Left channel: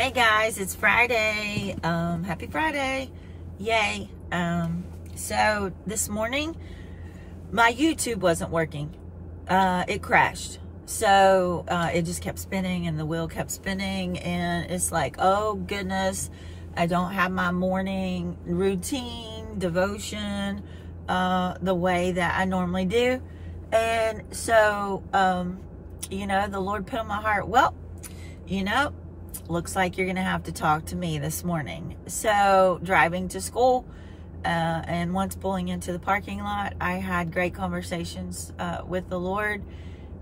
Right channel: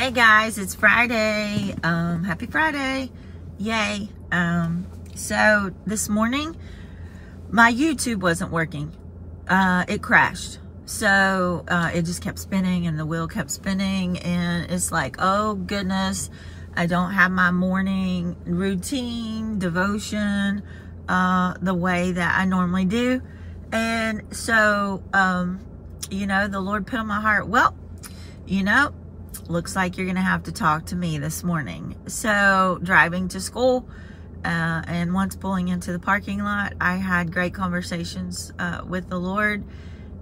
Hey guys, it's Friday. Happy Friday. Yay. So this morning my YouTube wasn't working. It crashed. So it just kept spinning and the wheel kept spinning, and it's like, oh goodness, I don't have my morning routine devotion the way that I normally do. And so the Lord put on my heart, well, looks like you're gonna have to talk to me this morning. So driving to school and once pulling into the parking lot, I had great conversations with the Lord,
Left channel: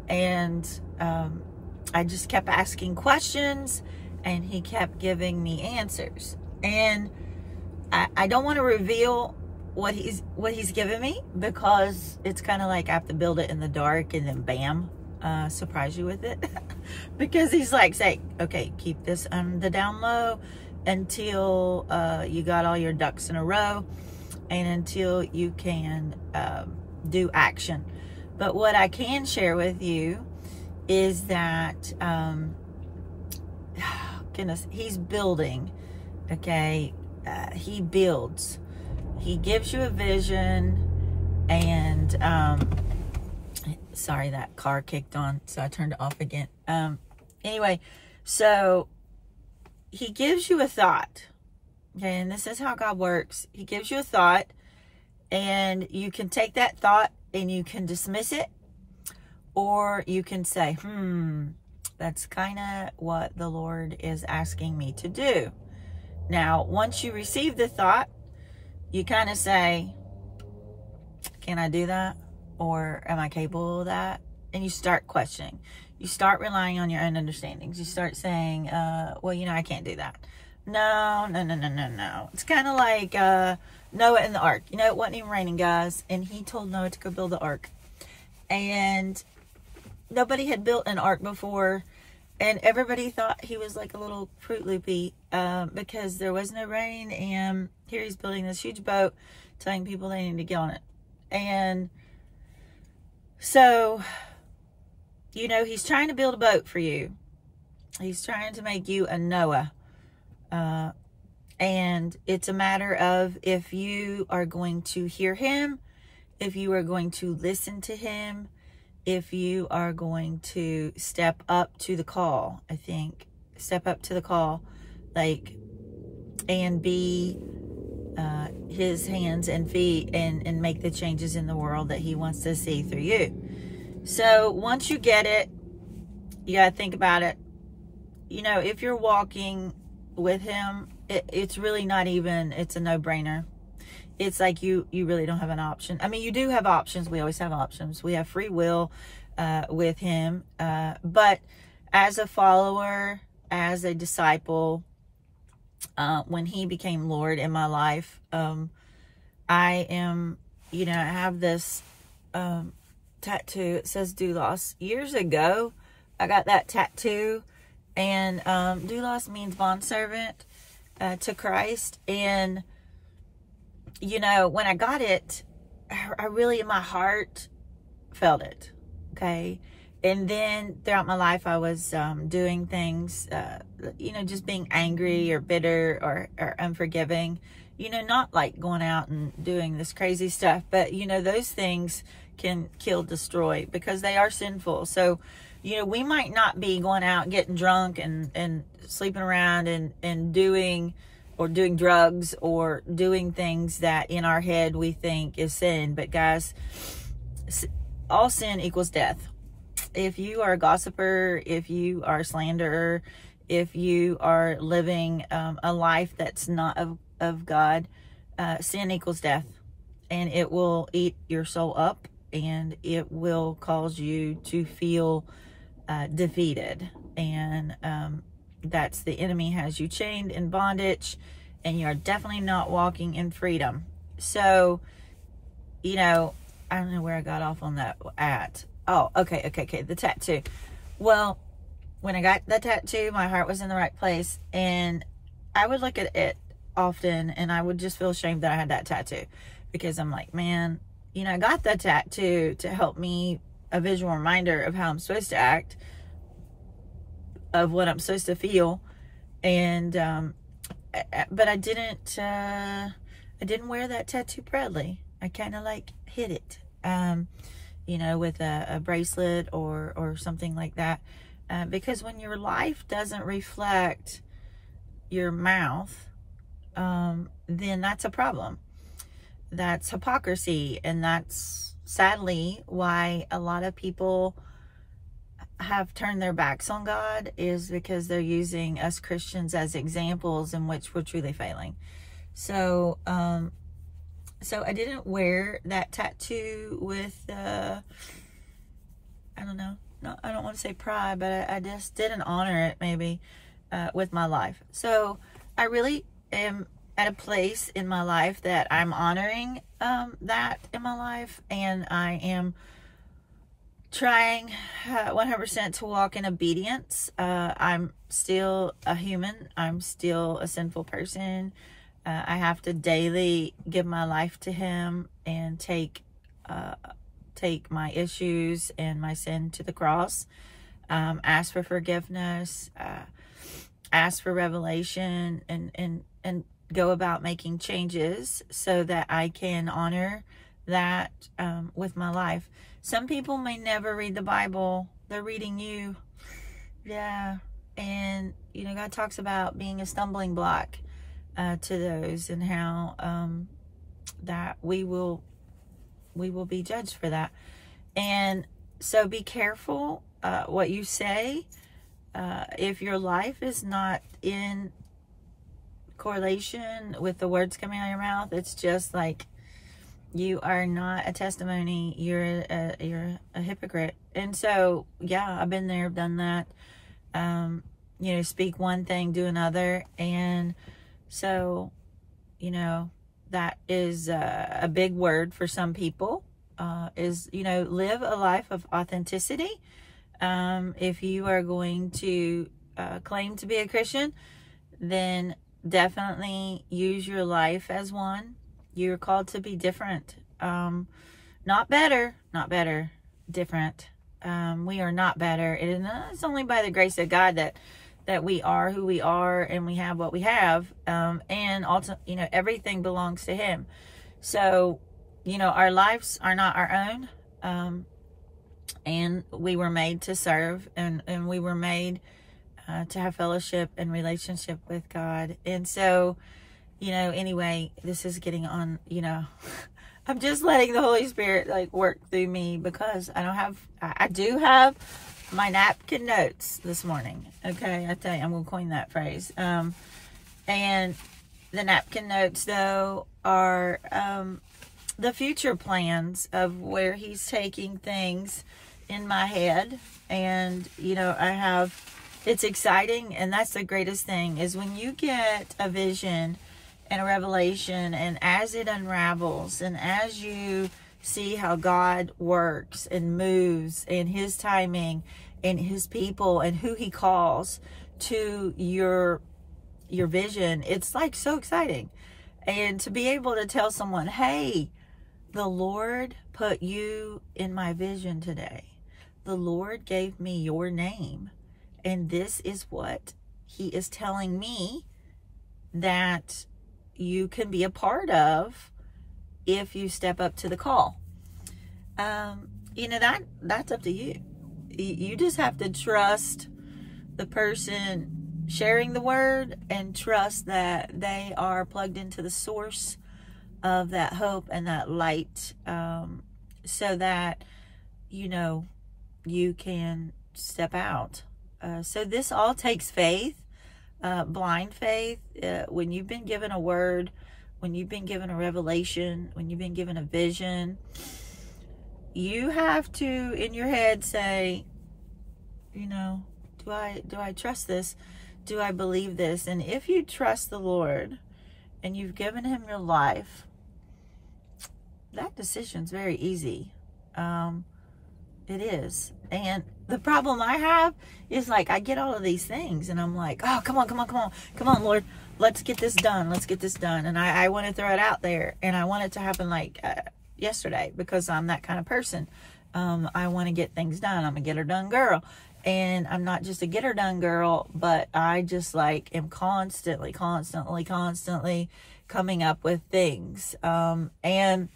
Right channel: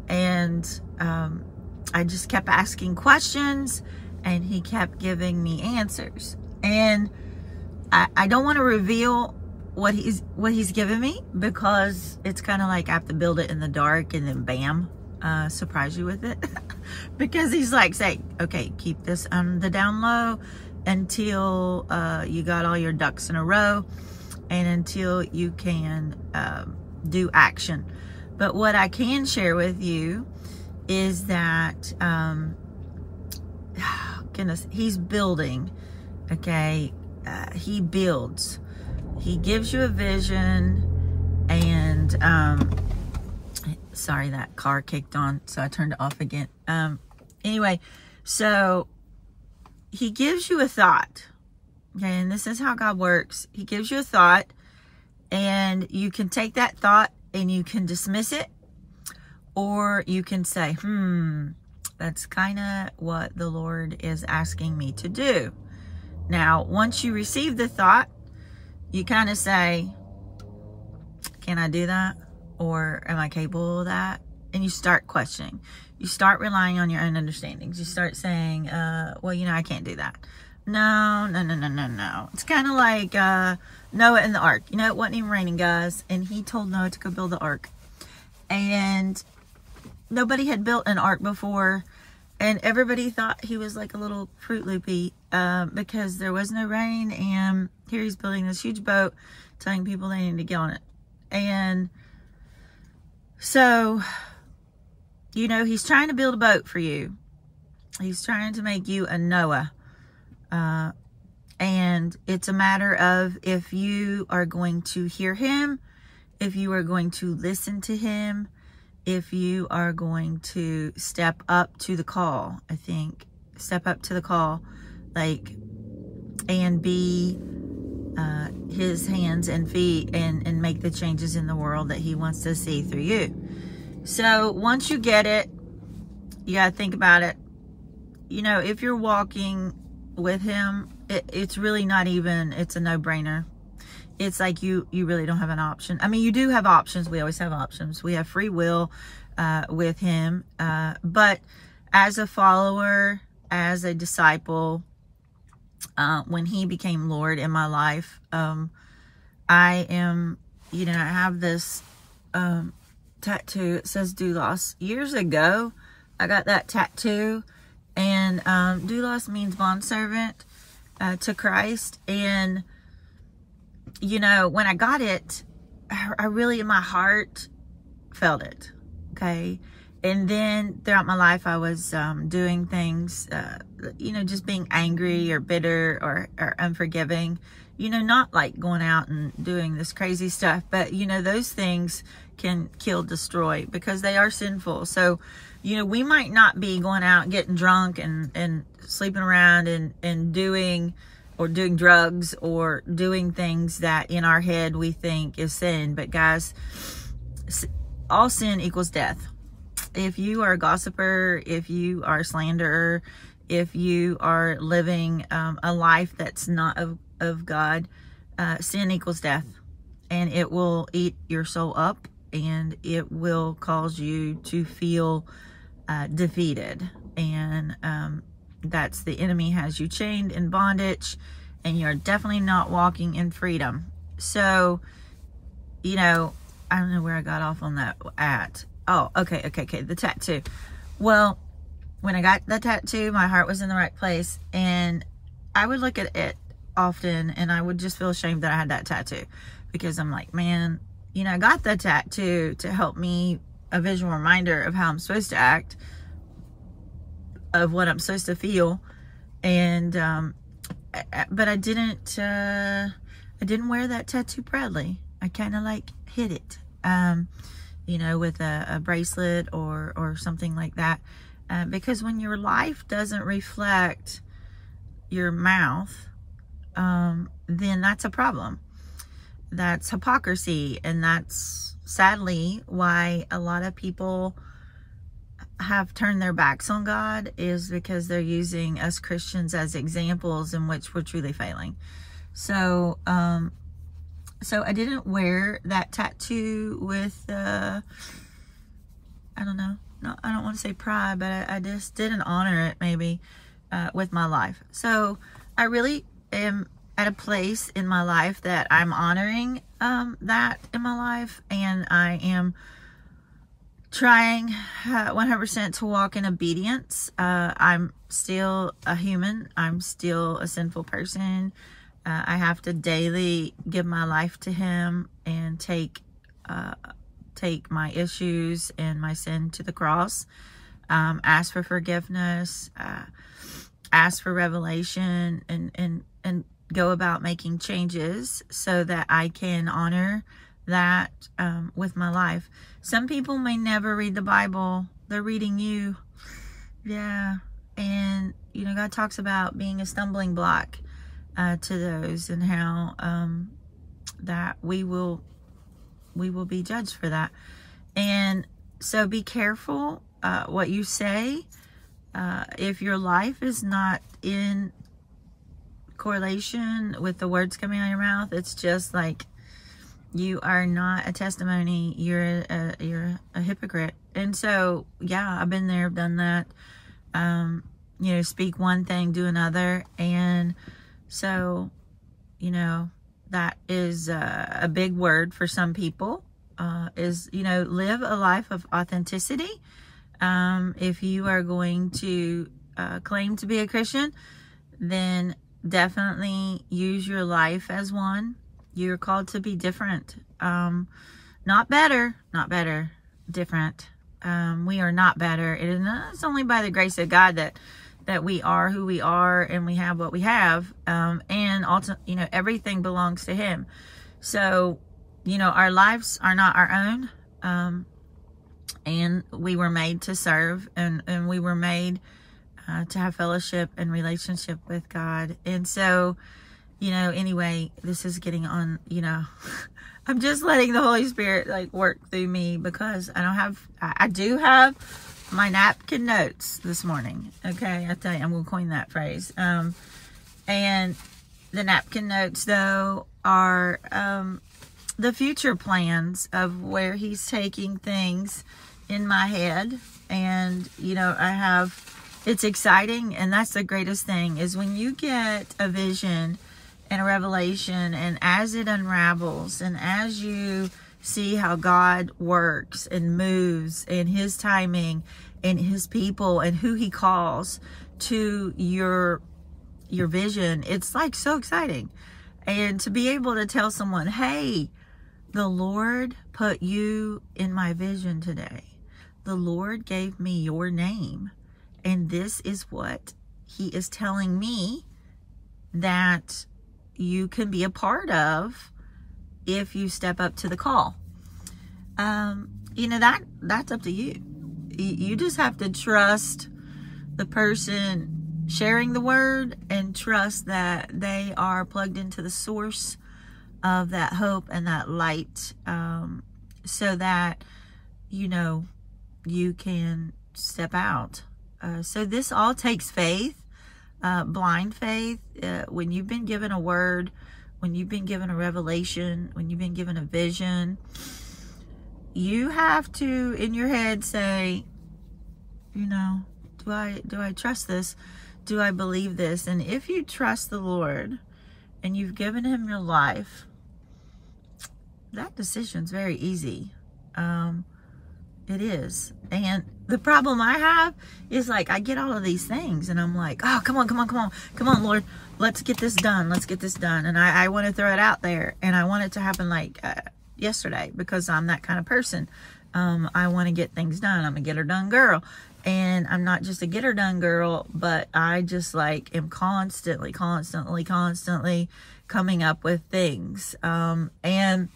and I just kept asking questions and he kept giving me answers. And I don't want to reveal what he's given me, because it's kind of like I have to build it in the dark and then bam, surprise you with it. Because he's like saying, okay, keep this on the down low until you got all your ducks in a row and until you can do action. But what I can share with you is that goodness, he's building. Okay, he builds. He gives you a vision, and sorry, that car kicked on, so I turned it off again. Anyway, so he gives you a thought. Okay, and this is how God works. He gives you a thought, and you can take that thought and you can dismiss it, or you can say, that's kind of what the Lord is asking me to do. Now, once you receive the thought, you kind of say, can I do that? Or am I capable of that? And you start questioning. You start relying on your own understandings. You start saying, well, I can't do that. No. It's kind of like Noah and the ark. It wasn't even raining, guys. And he told Noah to go build the ark. And nobody had built an ark before. And everybody thought he was like a little Fruit Loopy because there was no rain. And here he's building this huge boat, telling people they need to get on it. And so, he's trying to build a boat for you. He's trying to make you a Noah. And it's a matter of if you are going to hear him, if you are going to listen to him, if you are going to step up to the call. I think step up to the call, and be his hands and feet, and make the changes in the world that he wants to see through you. So once you get it, you got to think about it. If you're walking with him, it's really not even, it's a no-brainer. It's like you really don't have an option. I mean, you do have options. We always have options. We have free will with him. But as a follower, as a disciple, when he became Lord in my life, I am, I have this tattoo. It says doulos. Years ago, I got that tattoo, and doulos means bondservant to Christ. And when I got it, I really, in my heart, felt it. Okay. And then throughout my life, I was doing things, just being angry or bitter or unforgiving, not like going out and doing this crazy stuff, but, those things can kill, destroy, because they are sinful. So, we might not be going out and getting drunk and sleeping around and doing drugs or doing things that in our head we think is sin. But guys, all sin equals death. If you are a gossiper, if you are a slanderer, if you are living a life that's not of God, sin equals death. And it will eat your soul up, and it will cause you to feel defeated. And that's the enemy has you chained in bondage, and you're definitely not walking in freedom. So, I don't know where I got off on that at. Oh, okay, the tattoo. Well, when I got the tattoo, my heart was in the right place, and I would look at it often, and I would just feel ashamed that I had that tattoo, because I'm like, man, I got the tattoo to help me, a visual reminder of how I'm supposed to act, of what I'm supposed to feel, And but I didn't wear that tattoo proudly. I kind of like hid it, you know, with a bracelet or something like that, because when your life doesn't reflect your mouth, then that's a problem. That's hypocrisy, and that's sadly why a lot of people have turned their backs on God, is because they're using us Christians as examples in which we're truly failing. So so I didn't wear that tattoo with I don't know, no, I don't want to say pride, but I just didn't honor it maybe with my life. So I really am at a place in my life that I'm honoring that in my life, and I am trying 100% to walk in obedience. I'm still a human. I'm still a sinful person. I have to daily give my life to Him and take my issues and my sin to the cross. Ask for forgiveness. Ask for revelation, and go about making changes so that I can honor that with my life. Some people may never read the Bible. They're reading you. Yeah. And, you know, God talks about being a stumbling block to those, and how that we will be judged for that. And so be careful what you say. If your life is not in correlation with the words coming out of your mouth, it's just like you are not a testimony. You're a hypocrite. And so, yeah, I've been there, I've done that. You know, speak one thing, do another. And so, you know, that is a big word for some people, is, you know, live a life of authenticity. If you are going to claim to be a Christian, then definitely use your life as one. You're called to be different. Not better, different. We are not better. It's only by the grace of God that we are who we are, and we have what we have. And also, you know, everything belongs to Him. So, you know, our lives are not our own. And we were made to serve, and we were made to have fellowship and relationship with God. And so, you know, anyway, this is getting on, you know, I'm just letting the Holy Spirit like work through me, because I do have my napkin notes this morning. Okay. I tell you, I'm going to coin that phrase. And the napkin notes, though, are the future plans of where He's taking things in my head. And, you know, it's exciting. And that's the greatest thing, is when you get a vision and a revelation, and as it unravels, and as you see how God works and moves in His timing and His people and who He calls to your vision, it's like so exciting. And to be able to tell someone, hey, the Lord put you in my vision today. The Lord gave me your name, and this is what He is telling me that you can be a part of if you step up to the call. You know, that's up to you. You just have to trust the person sharing the word, and trust that they are plugged into the source of that hope and that light, so that, you know, you can step out. So this all takes faith, blind faith. When you've been given a word, when you've been given a revelation, when you've been given a vision, you have to, in your head, say, you know, do I trust this? Do I believe this? And if you trust the Lord and you've given Him your life, that decision's very easy. It is. And the problem I have is, like, I get all of these things and I'm like, oh, come on, Lord, let's get this done. And I want to throw it out there, and I want it to happen like yesterday, because I'm that kind of person. I want to get things done. I'm a get her done girl. And I'm not just a get her done girl, but I just like am constantly coming up with things. And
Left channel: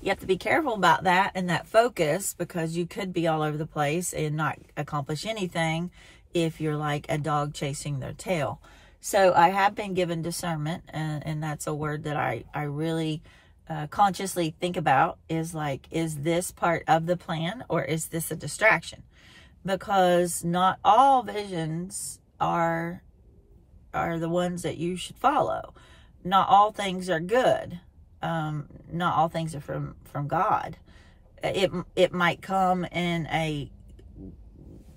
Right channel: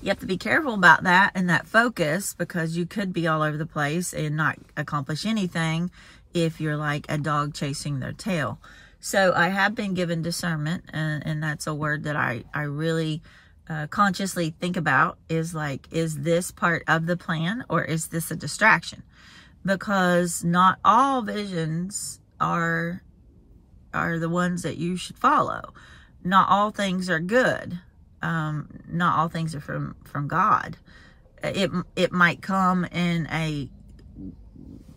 you have to be careful about that and that focus, because you could be all over the place and not accomplish anything if you're like a dog chasing their tail. So I have been given discernment, and that's a word that I really consciously think about, is like, is this part of the plan or is this a distraction? Because not all visions are the ones that you should follow. Not all things are good. Not all things are from God. It might come in a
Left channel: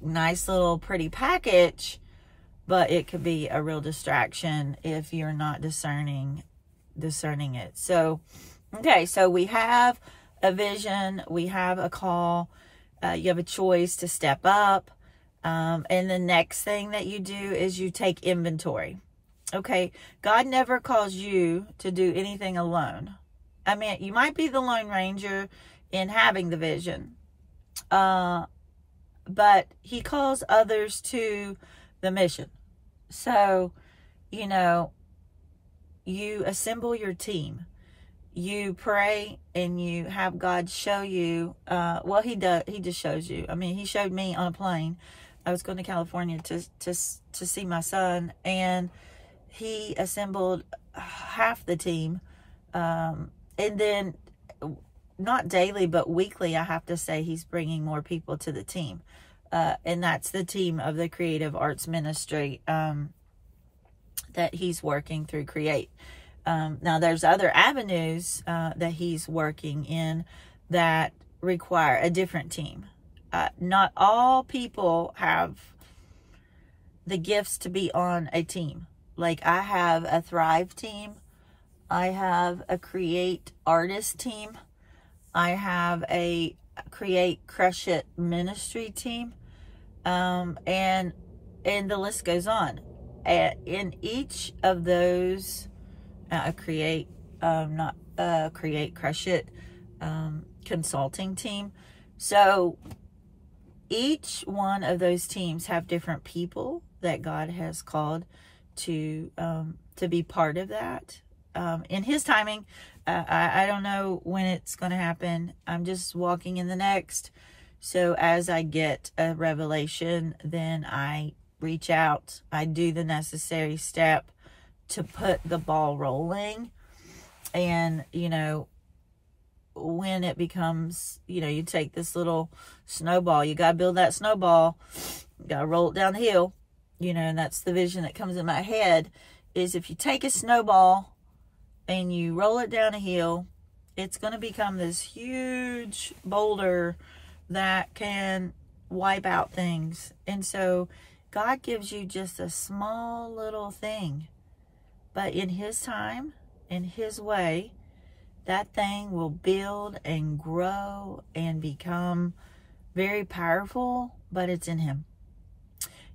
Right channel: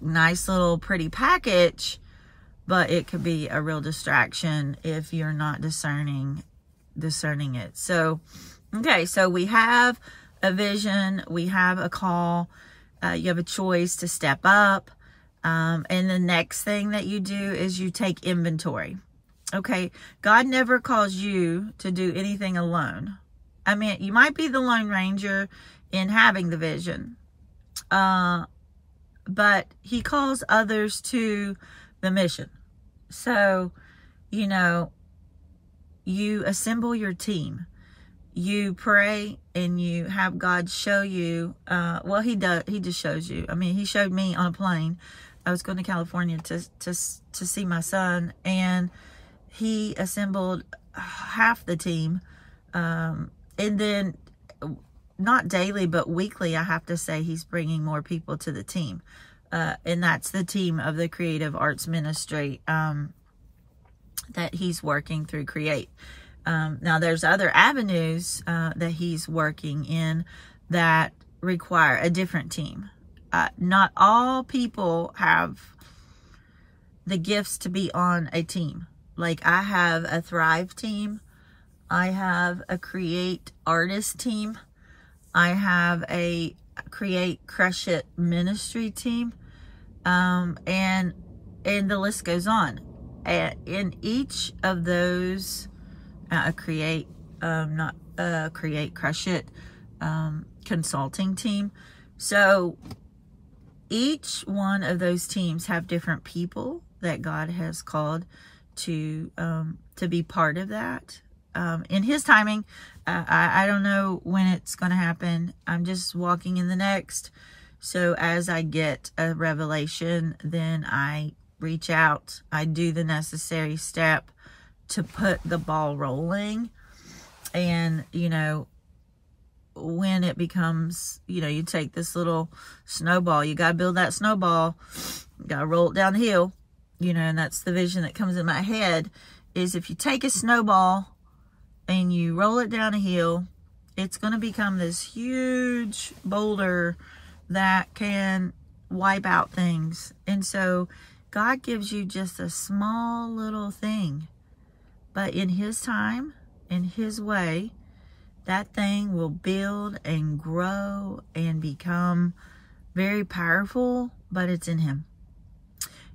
nice little pretty package, but it could be a real distraction if you're not discerning it. So, okay, so we have a vision, we have a call, you have a choice to step up, and the next thing that you do is you take inventory. Okay, God never calls you to do anything alone. I mean, you might be the Lone Ranger in having the vision, but he calls others to the mission. So, you know, you assemble your team. You pray and you have God show you, well, he just shows you. I mean, he showed me on a plane. I was going to California to see my son, and he assembled half the team. And then not daily, but weekly, I have to say he's bringing more people to the team. And that's the team of the Creative Arts Ministry that he's working through Create. Now, there's other avenues that he's working in that require a different team. Not all people have the gifts to be on a team. Like, I have a Thrive team. I have a Create Artist team. I have a Create Crush It Ministry team. And the list goes on. In each of those, Create Crush It consulting team. So each one of those teams have different people that God has called to be part of that. In his timing, I don't know when it's going to happen. I'm just walking in the next. So as I get a revelation, then I reach out. I do the necessary step to put the ball rolling. And, you know, when it becomes, you know, you take this little snowball, you got to build that snowball, you got to roll it down the hill, you know, and that's the vision that comes in my head, is if you take a snowball and you roll it down a hill, it's going to become this huge boulder that can wipe out things. And so God gives you just a small little thing, but in his time, in his way, that thing will build and grow and become very powerful, but it's in him.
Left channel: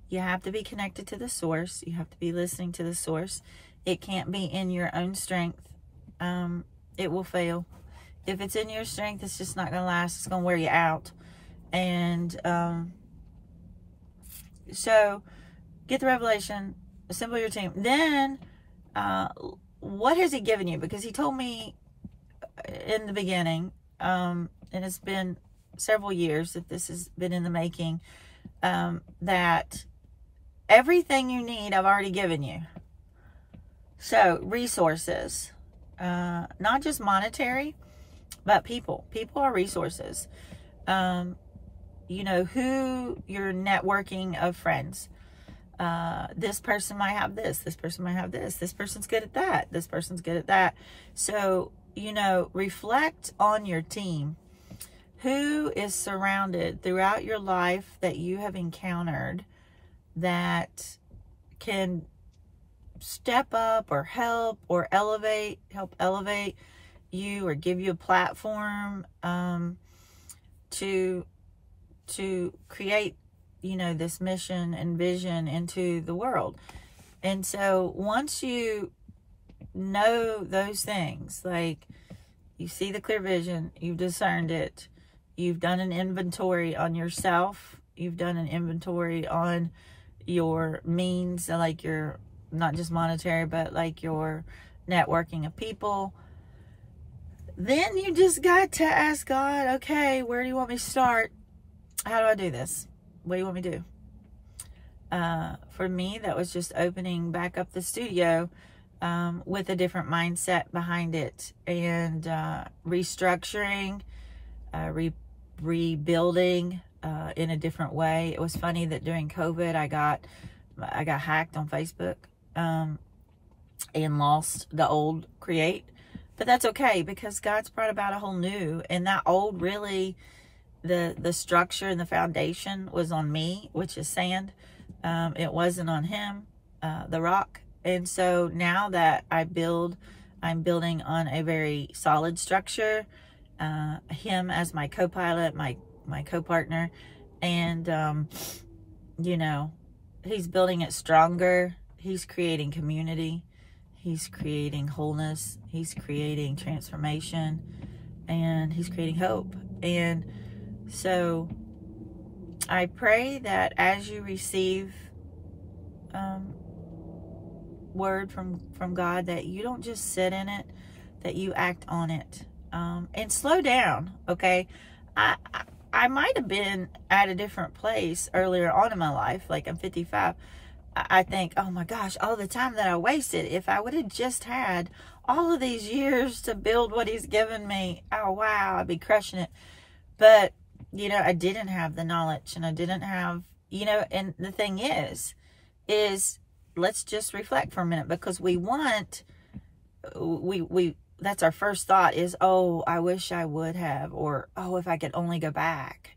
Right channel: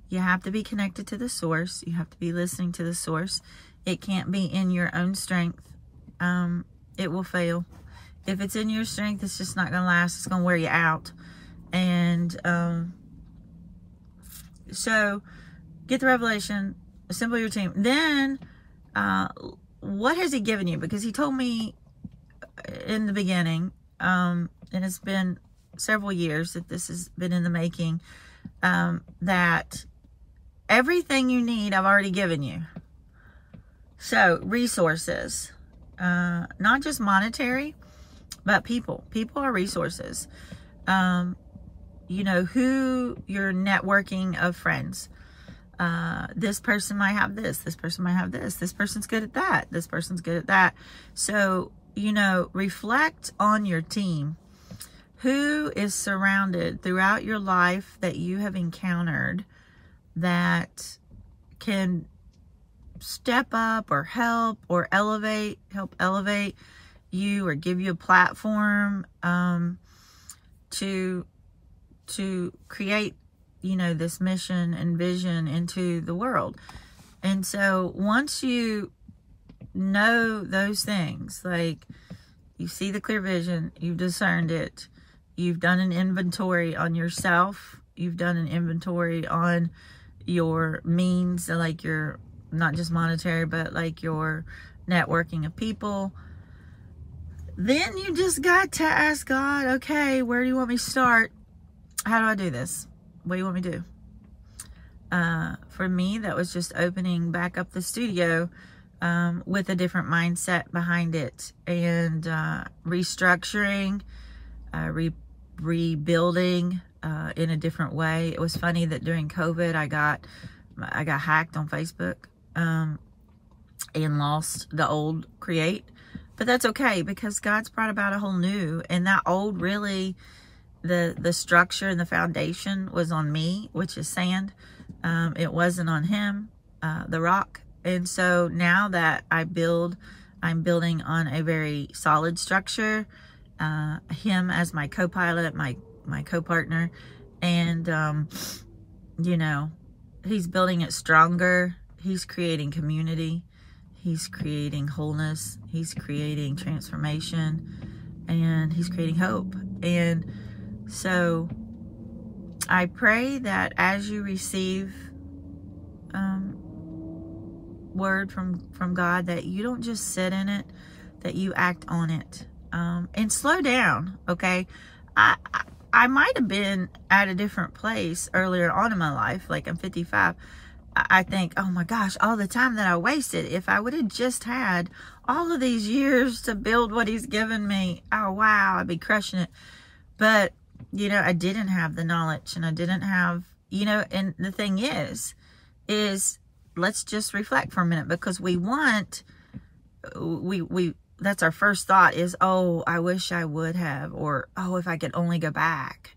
You have to be connected to the source. You have to be listening to the source. It can't be in your own strength. It will fail. If it's in your strength, it's just not going to last. It's going to wear you out. And so get the revelation, assemble your team. Then what has he given you? Because he told me in the beginning, and it's been several years that this has been in the making, that everything you need, I've already given you. So resources, not just monetary, but people. People are resources. You know, who you're networking of friends. This person might have this. This person might have this. This person's good at that. This person's good at that. So, you know, reflect on your team. Who is surrounded throughout your life that you have encountered that can step up or help elevate you, or give you a platform to create, you know, this mission and vision into the world. And so once you know those things, like you see the clear vision, you've discerned it, you've done an inventory on yourself you've done an inventory on your means, like your, not just monetary, but like your networking of people, then you just got to ask God, okay, where do you want me to start? How do I do this? What do you want me to do? For me, that was just opening back up the studio with a different mindset behind it, and restructuring, rebuilding in a different way. It was funny that during COVID, I got hacked on Facebook and lost the old Create. But that's okay, because God's brought about a whole new, and that old, really, the structure and the foundation was on me, which is sand. It wasn't on him, the rock. And so now that I'm building on a very solid structure, him as my co-pilot, my co-partner, and, you know, he's building it stronger. He's creating community. He's creating wholeness. He's creating transformation, and he's creating hope. And so I pray that as you receive word from God, that you don't just sit in it, that you act on it, and slow down. Okay, I might have been at a different place earlier on in my life. Like, I'm 55. I think, oh my gosh, all the time that I wasted, if I would have just had all of these years to build what he's given me, oh wow, I'd be crushing it. But, you know, I didn't have the knowledge, and I didn't have, you know, and the thing is let's just reflect for a minute, because we that's our first thought is, oh, I wish I would have, or, oh, if I could only go back.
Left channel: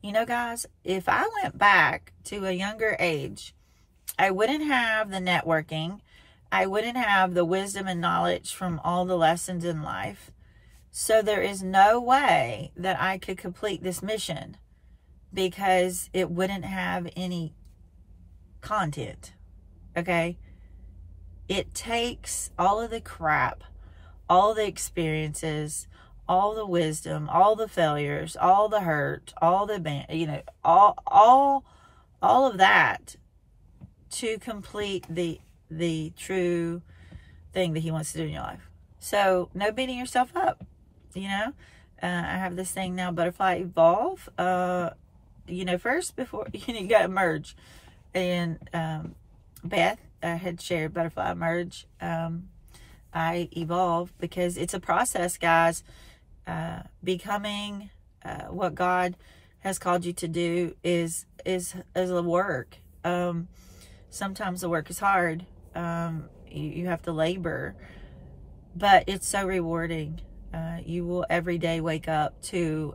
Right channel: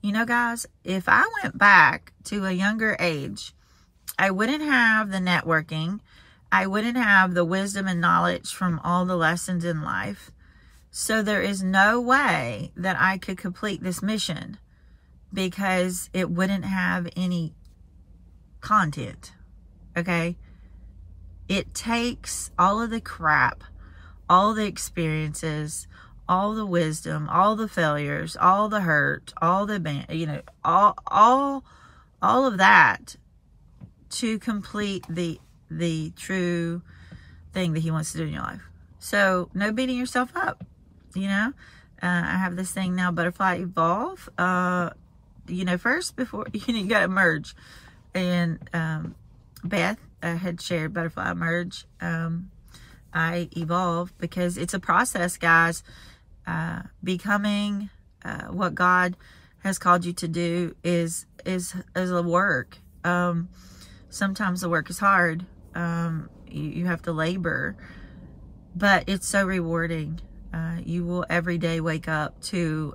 You know, guys, if I went back to a younger age, I wouldn't have the networking. I wouldn't have the wisdom and knowledge from all the lessons in life. So there is no way that I could complete this mission, because it wouldn't have any content. Okay? It takes all of the crap, all the experiences, all the wisdom, all the failures, all the hurt, all the, you know, all of that to complete the true thing that he wants to do in your life. So no beating yourself up, you know. I have this thing now, Butterfly Evolve. You know, first, before, you got to merge. And Beth had shared Butterfly Merge. I evolve, because it's a process, guys. Becoming what God has called you to do is a work. Sometimes the work is hard. You have to labor, but it's so rewarding. You will every day wake up to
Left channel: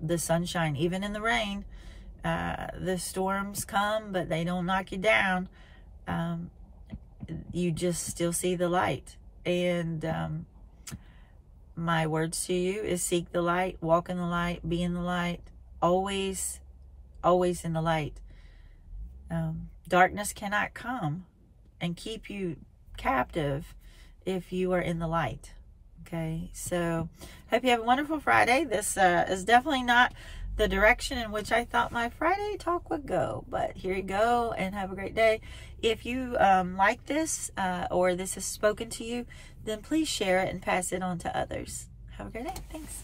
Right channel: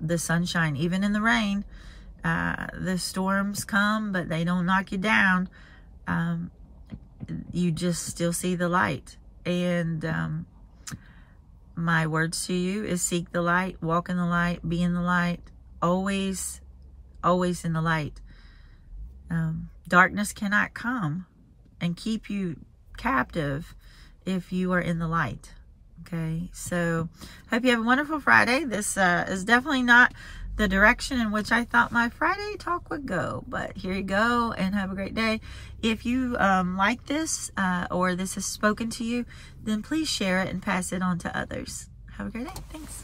the sunshine, even in the rain. The storms come, but they don't knock you down. You just still see the light. And my words to you is seek the light, walk in the light, be in the light, always in the light. Darkness cannot come and keep you captive if you are in the light. Okay, so hope you have a wonderful Friday. This is definitely not the direction in which I thought my Friday talk would go, but here you go, and have a great day. If you like this or this has spoken to you, then please share it and pass it on to others. Have a great day. Thanks.